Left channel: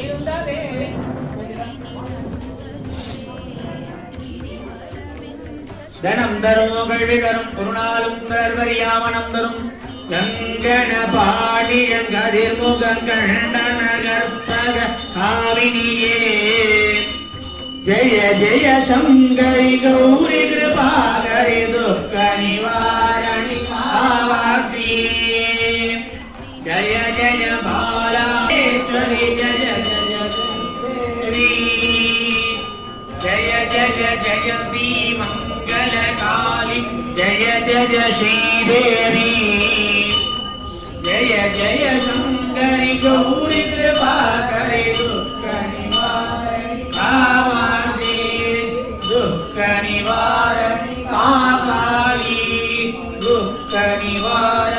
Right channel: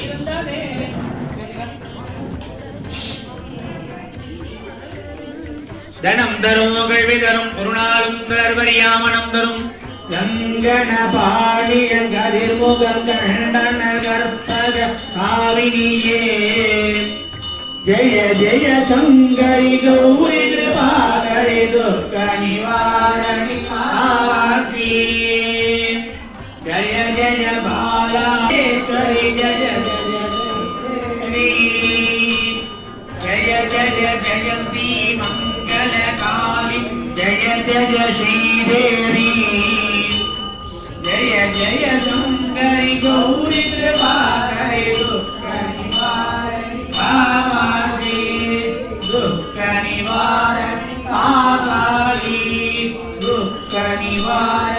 இருந்ததே தனம் தரும் கல்வி தரும் பொருளாலும் தர்வரியாமனம் தரும் கங்கண பாடியன் கதிர்முகம் கண்டன கற்பக காவினியே. ஜெய ஜெய சங்கரி கௌரி கிருபாகரி துக்க நிவாரணி காவாட்சி जय जय भाराश्वरी जय जय शङ्करी जय जय जय श्रीमङ्गलकाली जय जय श्रीदेवी जय जय शङ्करि गौरी कृपा करे दुख निवारे दुःख निवार काली दुःख निवार